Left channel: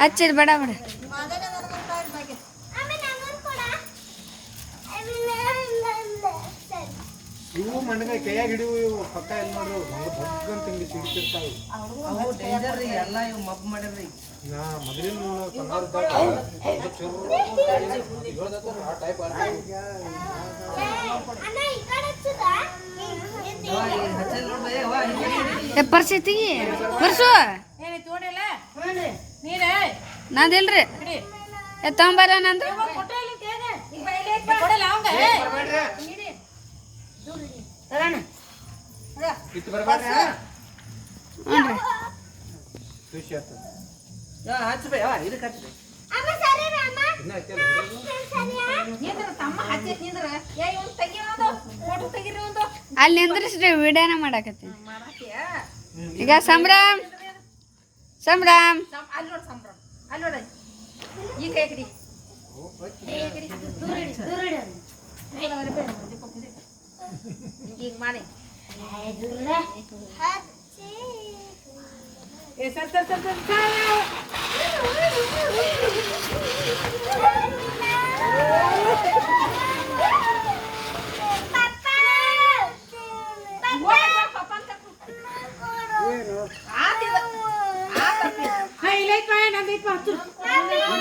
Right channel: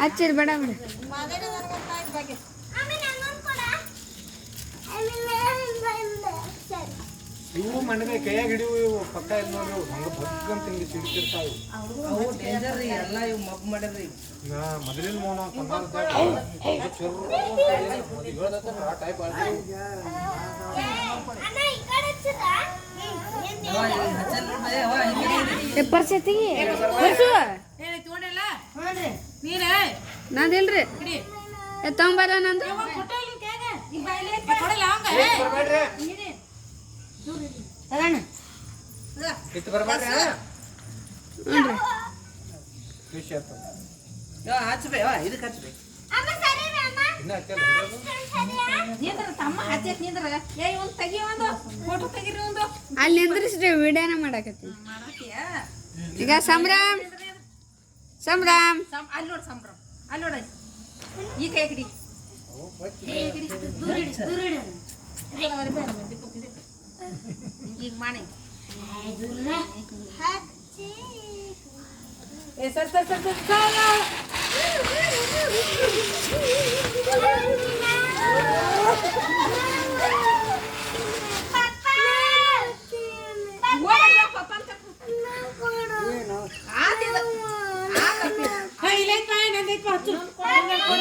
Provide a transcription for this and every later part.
ಹಚ್ಚಿದ್ ಬೇಡ ಬೇಡ ಇವು ಮಣ್ಣಗಾಯಿ ಕೈಯಾಗ ಹಿಡಿವು ಇವು ಪಕ್ಕ ಇಲ್ಲಿ ನೋಡ್ರಿ ಹಂಗ ಭಗ್ಗಂತ ಹಿಂಗೆ ಸಿಡ್ತಿರ್ತಾವೆ. ಅವು ಡೇಂಜರ್ ರೀ ಎಲ್ಲ ಇವು ಮಬ್ ಮಾಡ್ರಿ ನಾ ಮೊದಲಿನ ತಂದರ್ದಾಗ ಆ ಟೈಪ್ ಅವ ಹಿಂಗೆ ಏ ಪರಿಸ್ಥಿತಿ ಬರ್ಸು. ನಾದಿಲ್ರಿ. ಏ ತಗೊಂಬಲ್ಲ ನಂದು. ಇದಕ್ಕೆ ಹಚ್ಬೇ. ಅಲ್ಲಿ ನಿಂದ್ರಿಸ್ರಿ ವಿಡಿಯೋನ ಮಾಡಾಕತ್ತಿ. ಈಗ ಸಂಭ್ರಮ್ ಸಂಭ್ರಮ್ ಸಂ- ಅಲ್ಲಿ ನೋಡು ಸಂಭ್ರಮ ಅಲ್ಲಿ ನೋಡ ಈ ಕೈ ಕಡಿ ಈಗ ಮಾಡಿ. ಏ ಸರ್ ಸರ್ ಸರ್ ಸರ್.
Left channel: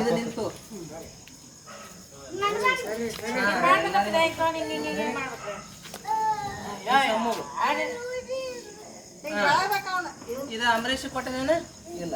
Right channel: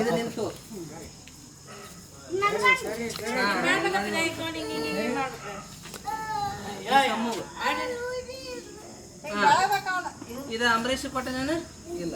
ಇದು ನಿಂತು. ಇದು ಅಂಬರೀಷ್ ಕೊಟ್ಟನೇನು ಇಲ್ಲ.